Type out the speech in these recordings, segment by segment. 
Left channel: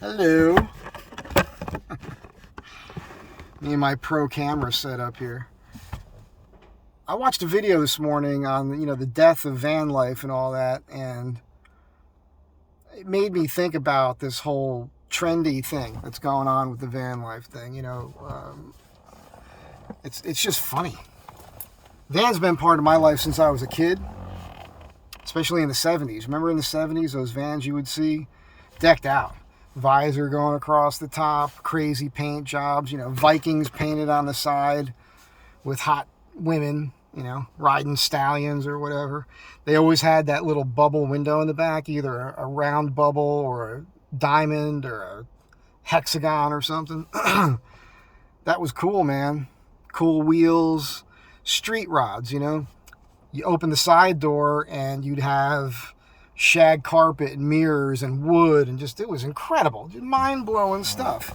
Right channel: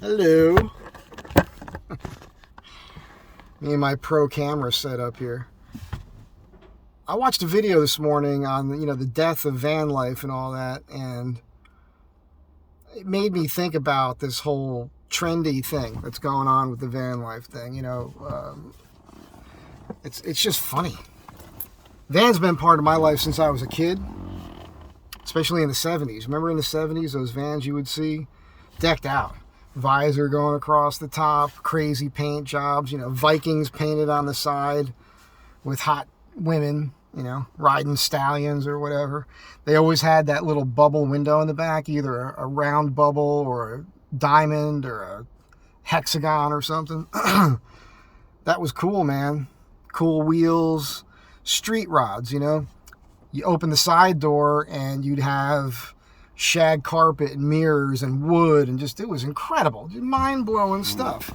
Hello. Me and my pro camera setup here. I watched a video this morning on the death of Vanlife and all that, and it made me think about this whole trendy thing that's going on with the Vanlife thing. It's just funny. Van's been part of my life since I was a kid, especially in the 70s. Remember in the 70s, those vans you would see decked out, visor going across the top, crazy paint jobs, Vikings painted on the side with hot women, riding stallions or whatever. They always had that little bubble window in the back, either a round bubble or a diamond or a hexagon or something. That was cool, man. Cool wheels, street rods, You open the side door and you'd have shag carpet and mirrors and wood, and it was incredible. Just mind-blowing stuff.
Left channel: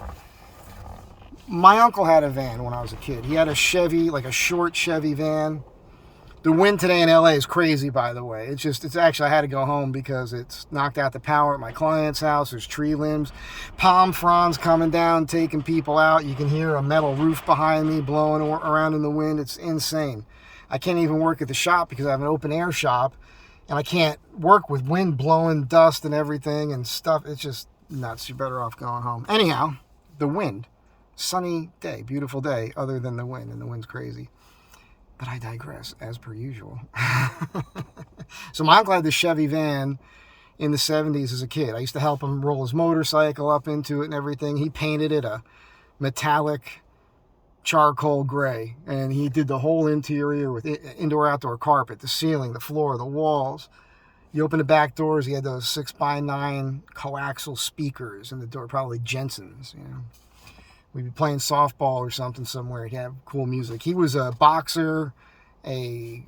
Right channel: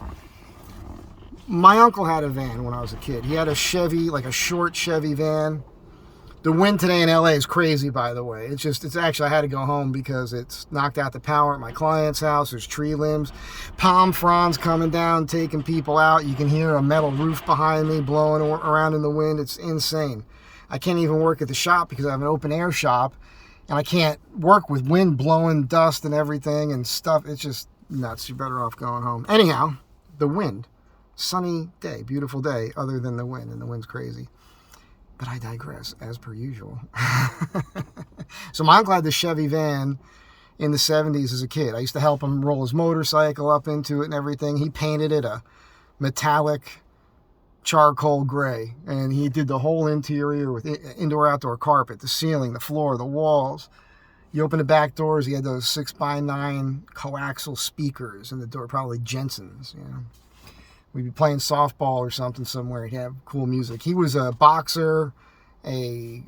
My uncle had a van when I was a kid. He had a Chevy, like a short Chevy van. The wind today in LA is crazy, by the way. It's actually, I had to go home because it's knocked out the power at my client's house. There's tree limbs, palm fronds coming down, taking people out. You can hear a metal roof behind me blowing around in the wind. It's insane. I can't even work at the shop because I have an open air shop, and I can't work with wind blowing dust and everything and stuff. It's just nuts. You're better off going home. Anyhow, the wind. Sunny day, beautiful day, other than the wind, and the wind's crazy. But I digress, as per usual. So my uncle had the Chevy van in the 70s as a kid. I used to help him roll his motorcycle up into it and everything. He painted it a metallic charcoal gray, and he did the whole interior with indoor-outdoor carpet, the ceiling, the floor, the walls. You open the back doors, he had those 6x9 coaxial speakers in the door, probably Jensen's, We'd be playing softball or something somewhere. He'd have cool music. He was a boxer, a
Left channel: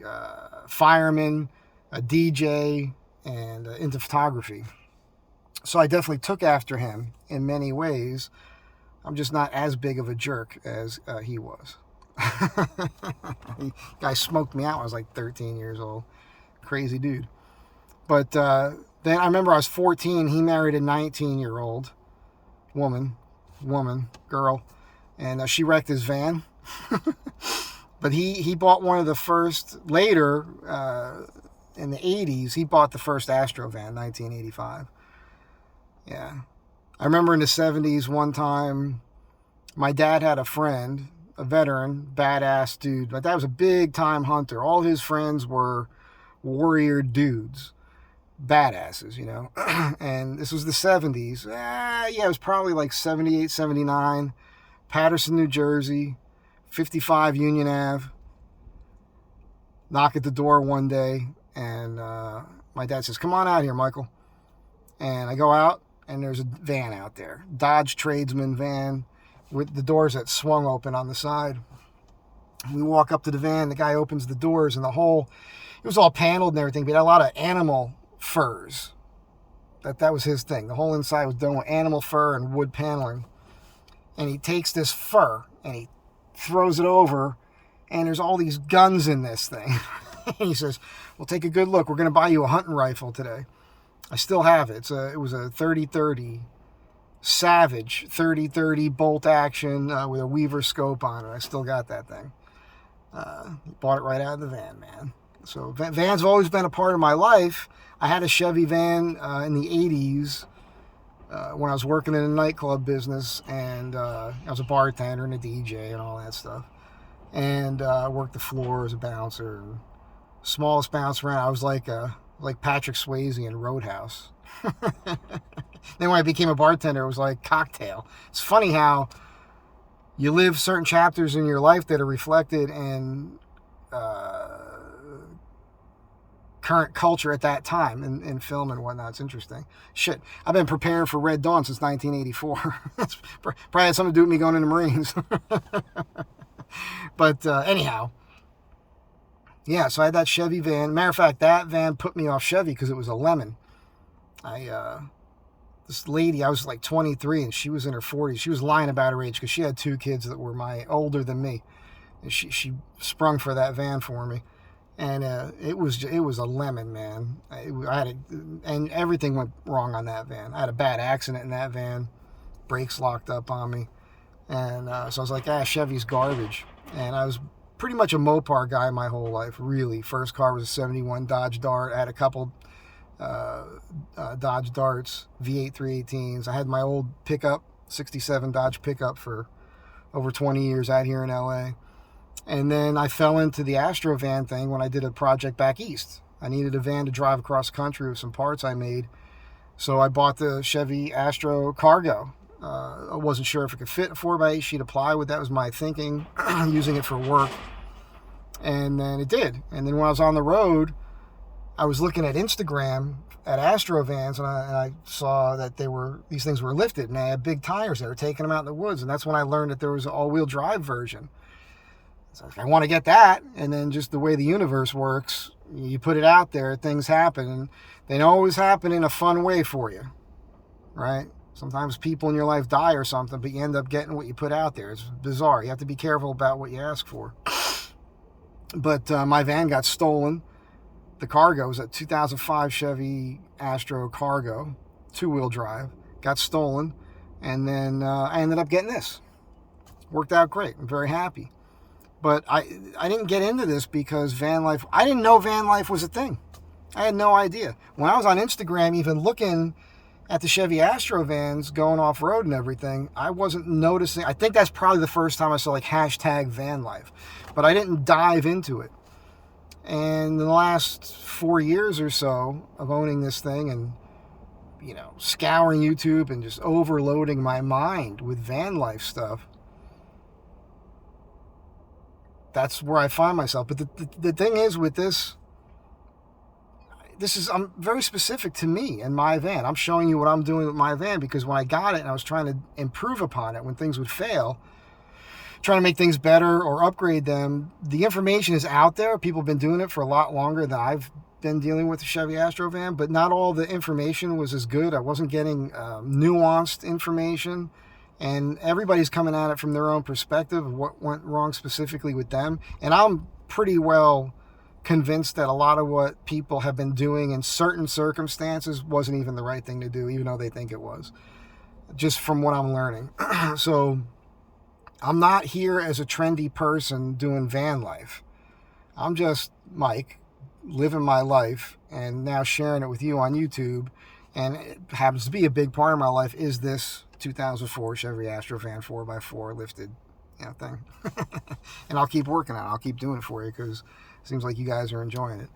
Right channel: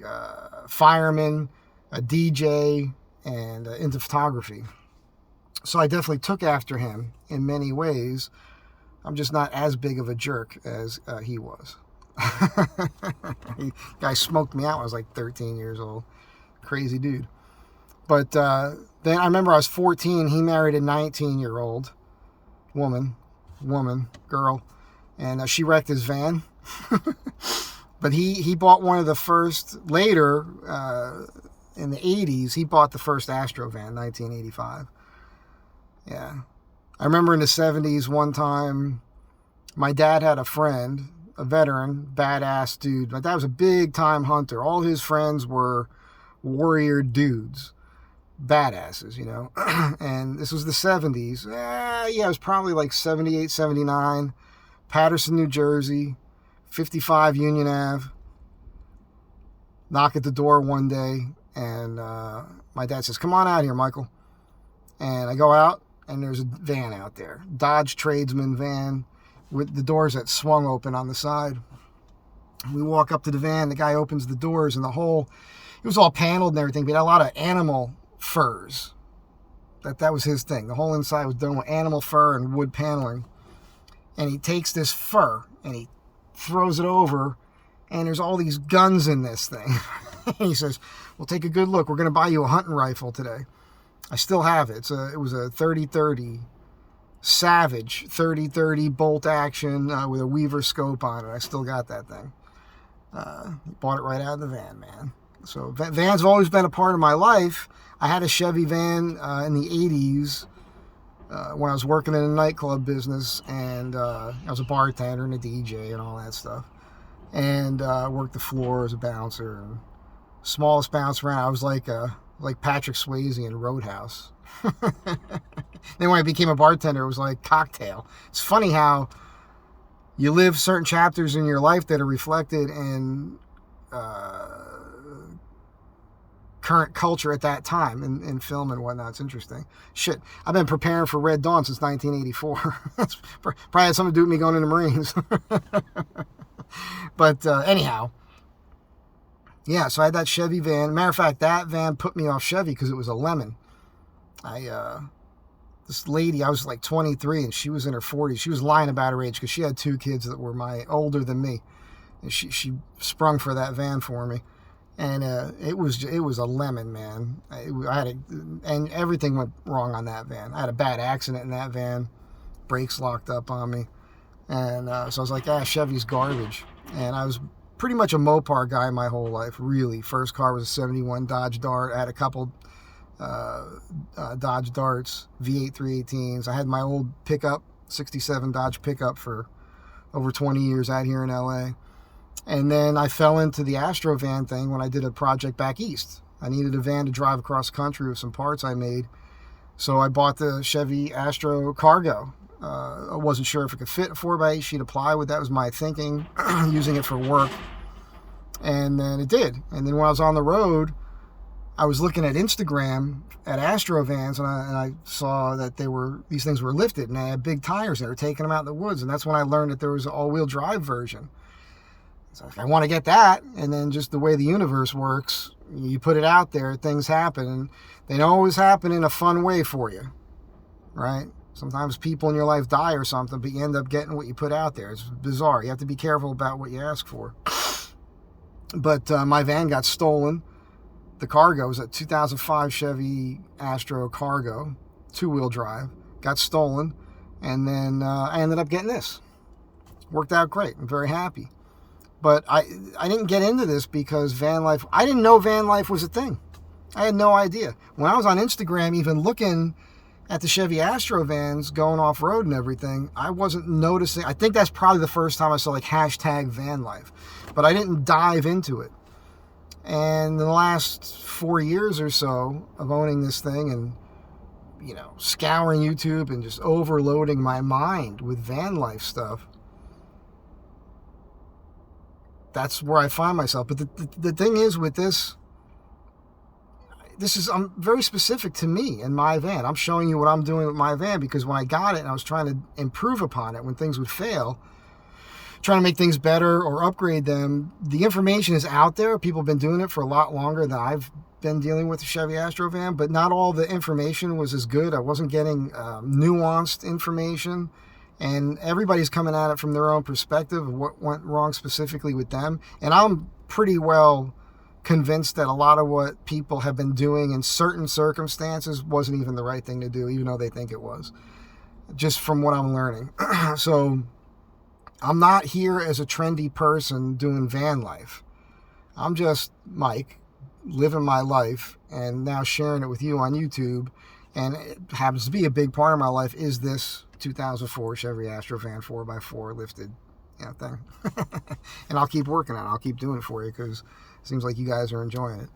fireman, a DJ, and into photography. So I definitely took after him in many ways. I'm just not as big of a jerk as he was. Guy smoked me out when I was like 13 years old. Crazy dude. But then I remember I was 14. He married a 19-year-old girl, and she wrecked his van. But he bought one of the first, later in the 80s, he bought the first Astro van, 1985. Yeah. I remember in the 70s one time, my dad had a friend, a veteran, badass dude. My dad was a big time hunter. All his friends were warrior dudes. Badasses, and this was the 70s. It was probably like 78, 79, Patterson, New Jersey, 55 Union Ave. Knock at the door one day, and my dad says, "Come on out here, Michael." And I go out, and there's a van out there, Dodge Tradesman van, with the doors that swung open on the side. We walk up to the van, the guy opens the doors, and it was all paneled and everything, but it had a lot of animal furs. That was his thing. The whole inside was done with animal fur and wood paneling. And he takes this fur and he throws it over, and there's all these guns in this thing. And he says, "Well, take a good look. We're going to buy you a hunting rifle today." I still have it. It was a 30-30 Savage 30-30 bolt action with a Weaver scope on it. I still got that thing. Bought it right out of the van, man. So vans have always been a part of my life. I had a Chevy van in the 80s when I was working in a nightclub business, and I was a bartender and a DJ and all that stuff. And worked the floor as a bouncer, and smallest bounce around. I was like Patrick Swayze in Roadhouse. Then when I became a bartender, it was like Cocktail. It's funny how you live certain chapters in your life that are reflected in current culture at that time in film and whatnot. It's interesting. Shit, I've been preparing for Red Dawn since 1984. That's probably had something to do with me going in the Marines. But anyhow, yeah, so I had that Chevy van. Matter of fact, that van put me off Chevy because it was a lemon. This lady, I was like 23 and she was in her 40s. She was lying about her age because she had 2 kids that were older than me. And she sprung for that van for me. And it was a lemon, man. And everything went wrong on that van. I had a bad accident in that van. brakes locked up on me. And so I was like, Chevy's garbage. And I was pretty much a Mopar guy my whole life, really. First car was a 71 Dodge Dart. I had a couple Dodge Darts, V8 318s. I had my old pickup, 67 Dodge pickup for over 20 years out here in LA. And then I fell into the Astro van thing when I did a project back east. I needed a van to drive across the country with some parts I made. So I bought the Chevy Astro Cargo. I wasn't sure if it could fit a 4x8 sheet of plywood. That was my thinking, using it for work. And then it did. And then when I was on the road, I was looking at Instagram at Astro vans, and I saw that these things were lifted, and they had big tires. They were taking them out in the woods, and that's when I learned that there was an all-wheel drive version. So I want to get that, and then just the way the universe works, you put it out there, things happen, and they don't always happen in a fun way for you, right? Sometimes people in your life die or something, but you end up getting what you put out there. It's bizarre. You have to be careful about what you ask for. But my van got stolen. The Cargo was a 2005 Chevy Astro Cargo, 2-wheel drive. Got stolen, and then I ended up getting this. Worked out great. I'm very happy. But I didn't get into this because Vanlife, I didn't know Vanlife was a thing. I had no idea. When I was on Instagram, even looking at the Chevy Astro vans going off-road and everything, I wasn't noticing. I think that's probably the first time I saw like hashtag Vanlife. But I didn't dive into it. And in the last 4 years or so of owning this thing and, scouring YouTube and just overloading my mind with van life stuff, that's where I find myself. But the thing is with this is very specific to me and my van. I'm showing you what I'm doing with my van because when I got it and I was trying to improve upon it when things would fail, trying to make things better or upgrade them, the information is out there. People have been doing it for a lot longer than I've been dealing with the Chevy Astro van, but not all the information was as good. I wasn't getting nuanced information, and everybody's coming at it from their own perspective of what went wrong specifically with them. And I'm pretty well convinced that a lot of what people have been doing in certain circumstances wasn't even the right thing to do, even though they think it was, just from what I'm learning. So I'm not here as a trendy person doing van life. I'm just Mike, living my life and now sharing it with you on YouTube. And it happens to be a big part of my life is this 2004 Chevy Astro van 4x4 lifted thing. And I'll keep working on it. I'll keep doing it for you because it seems like you guys are enjoying it.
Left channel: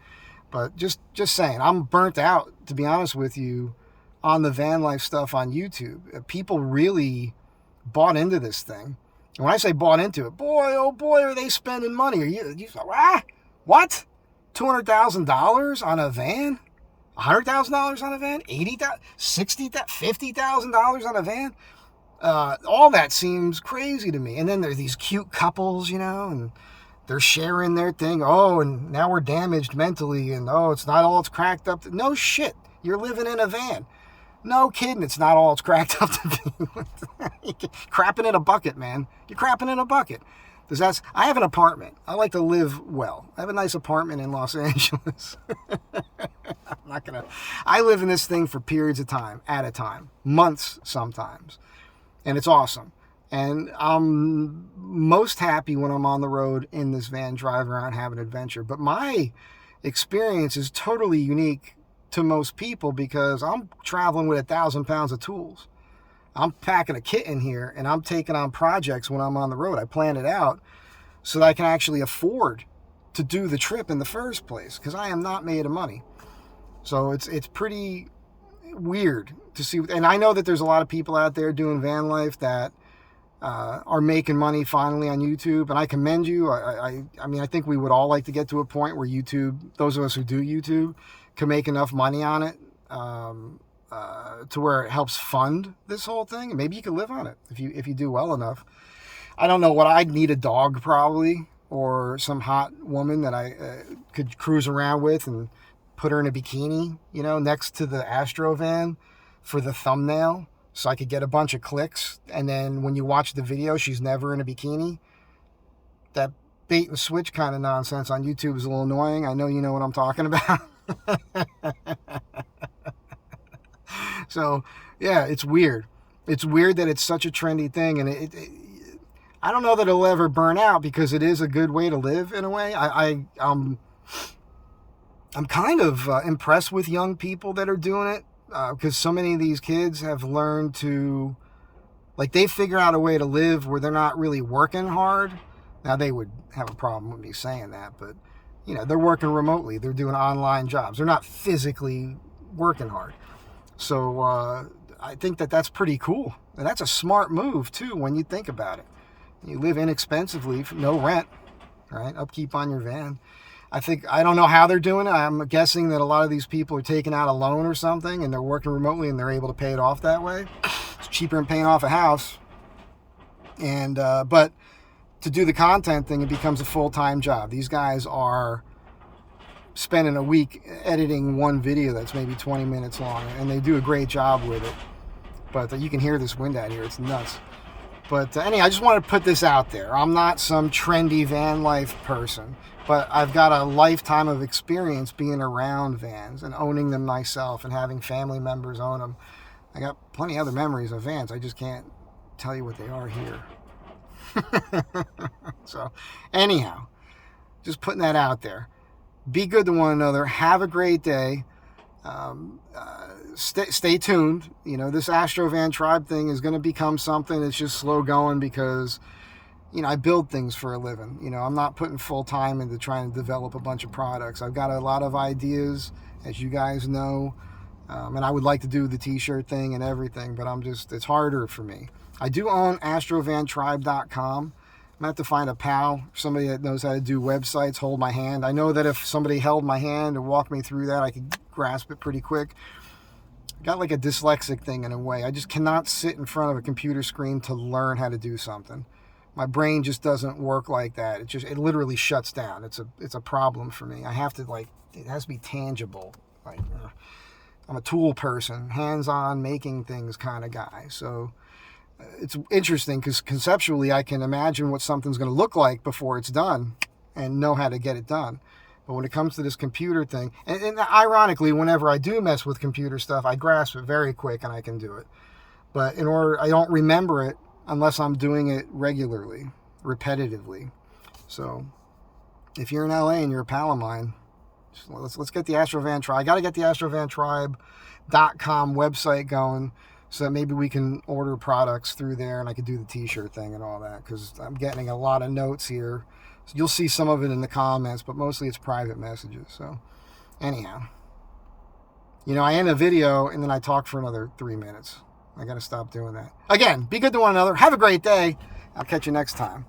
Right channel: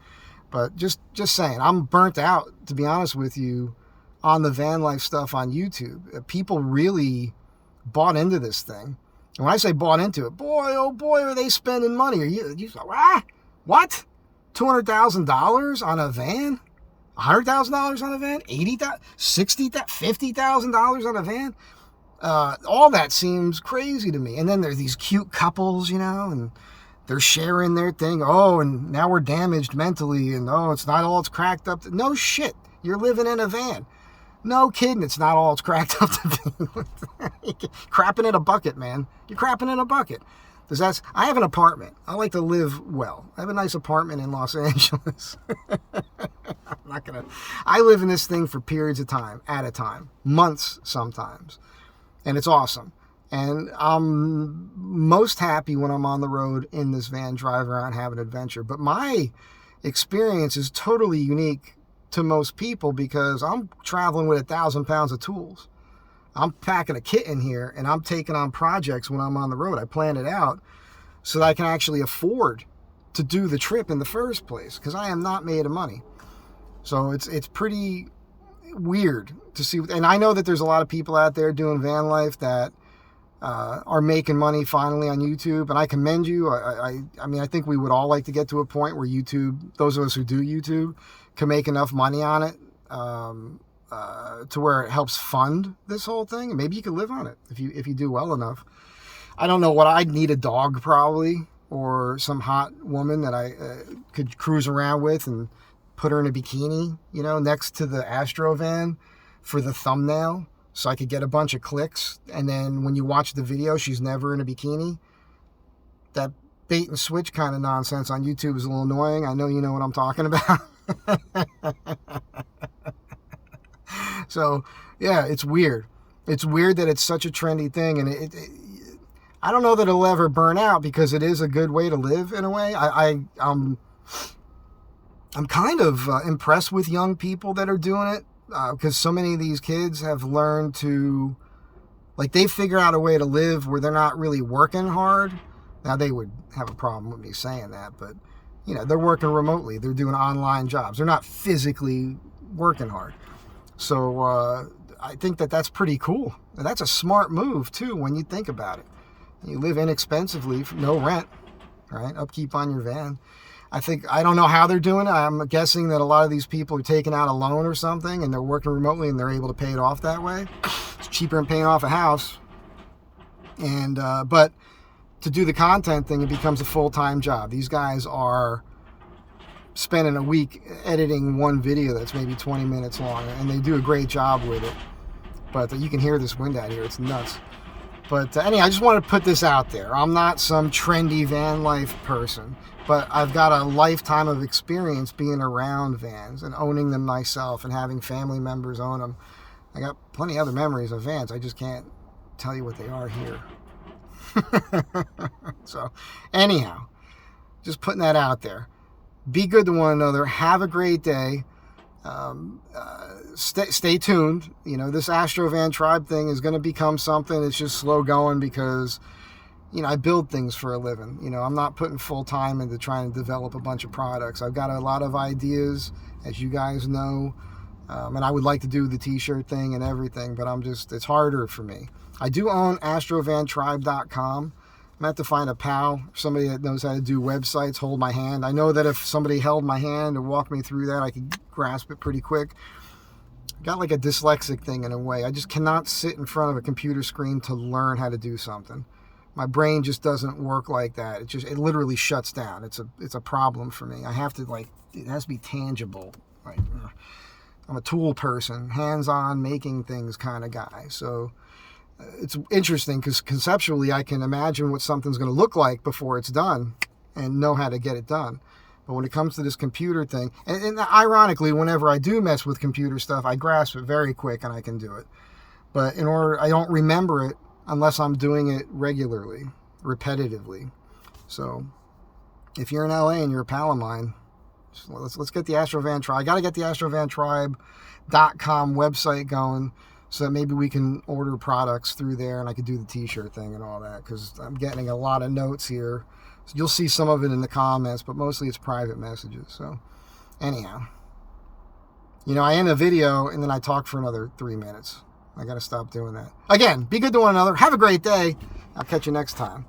But just saying, I'm burnt out, to be honest with you, on the van life stuff on YouTube. People really bought into this thing. And when I say bought into it, boy, oh boy, are they spending money. Are you what? $200,000 on a van? $100,000 on a van? $80,000, $60,000, $50,000 on a van? All that seems crazy to me. And then there's these cute couples, and they're sharing their thing. Oh, and now we're damaged mentally, and it's not all it's cracked up to. No shit. You're living in a van. No kidding, it's not all it's cracked up to be. Crapping in a bucket, man. You're crapping in a bucket. I have an apartment. I like to live well. I have a nice apartment in Los Angeles. I live in this thing for periods of time, at a time, months sometimes. And it's awesome. And I'm most happy when I'm on the road in this van, driving around, having an adventure. But my experience is totally unique to most people because I'm traveling with 1,000 pounds of tools. I'm packing a kit in here and I'm taking on projects when I'm on the road. I plan it out so that I can actually afford to do the trip in the first place because I am not made of money. So it's pretty weird to see. And I know that there's a lot of people out there doing van life that are making money finally on YouTube, and I commend you. I mean, I think we would all like to get to a point where YouTube, those of us who do YouTube, can make enough money on it to where it helps fund this whole thing. Maybe you could live on it if you do well enough. I don't know what I'd need, a dog probably, or some hot woman that I could cruise around with and put her in a bikini, next to the Astro van for the thumbnail, so I could get a bunch of clicks. And then when you watch the video, she's never in a bikini. That bait and switch kind of nonsense on YouTube is a little annoying. I know you know what I'm talking about. So, yeah, it's weird. It's weird that it's such a trendy thing, and I don't know that it'll ever burn out because it is a good way to live in a way. I'm kind of impressed with young people that are doing it because so many of these kids have learned to, like, they figure out a way to live where they're not really working hard. Now, they would have a problem with me saying that, but, you know, they're working remotely. They're doing online jobs. They're not physically working hard. So I think that that's pretty cool. And that's a smart move, too, when you think about it. You live inexpensively, for no rent, right? Upkeep on your van. I don't know how they're doing it. I'm guessing that a lot of these people are taking out a loan or something and they're working remotely and they're able to pay it off that way. It's cheaper than paying off a house. And, but to do the content thing, it becomes a full-time job. These guys are spending a week editing one video that's maybe 20 minutes long, and they do a great job with it. But you can hear this wind out here. It's nuts. But anyway, I just want to put this out there. I'm not some trendy van life person, but I've got a lifetime of experience being around vans and owning them myself and having family members own them. I got plenty of other memories of vans. I just can't tell you what they are here. So anyhow, just putting that out there. Be good to one another. Have a great day. Stay tuned. You know, this Astro Van Tribe thing is going to become something. It's just slow going because, you know, I build things for a living. You know, I'm not putting full time into trying to develop a bunch of products. I've got a lot of ideas, as you guys know, and I would like to do the t-shirt thing and everything, but it's harder for me. I do own AstroVanTribe.com. I'm going to have to find a pal, somebody that knows how to do websites, hold my hand. I know that if somebody held my hand and walked me through that, I could grasp it pretty quick. Got like a dyslexic thing in a way. I just cannot sit in front of a computer screen to learn how to do something. My brain just doesn't work like that. It literally shuts down. It's a problem for me. I have to, like, it has to be tangible. Like, I'm a tool person, hands-on, making things kind of guy. So it's interesting because conceptually I can imagine what something's going to look like before it's done and know how to get it done. But when it comes to this computer thing, and ironically, whenever I do mess with computer stuff, I grasp it very quick and I can do it. But I don't remember it unless I'm doing it regularly, repetitively. So if you're in LA and you're a pal of mine, let's get the Astro Van Tribe. I got to get the AstroVanTribe.com website going, so that maybe we can order products through there and I could do the t-shirt thing and all that, because I'm getting a lot of notes here. So you'll see some of it in the comments, but mostly it's private messages. So anyhow, you know, I end a video and then I talk for another 3 minutes. I got to stop doing that. Again, be good to one another. Have a great day. I'll catch you next time.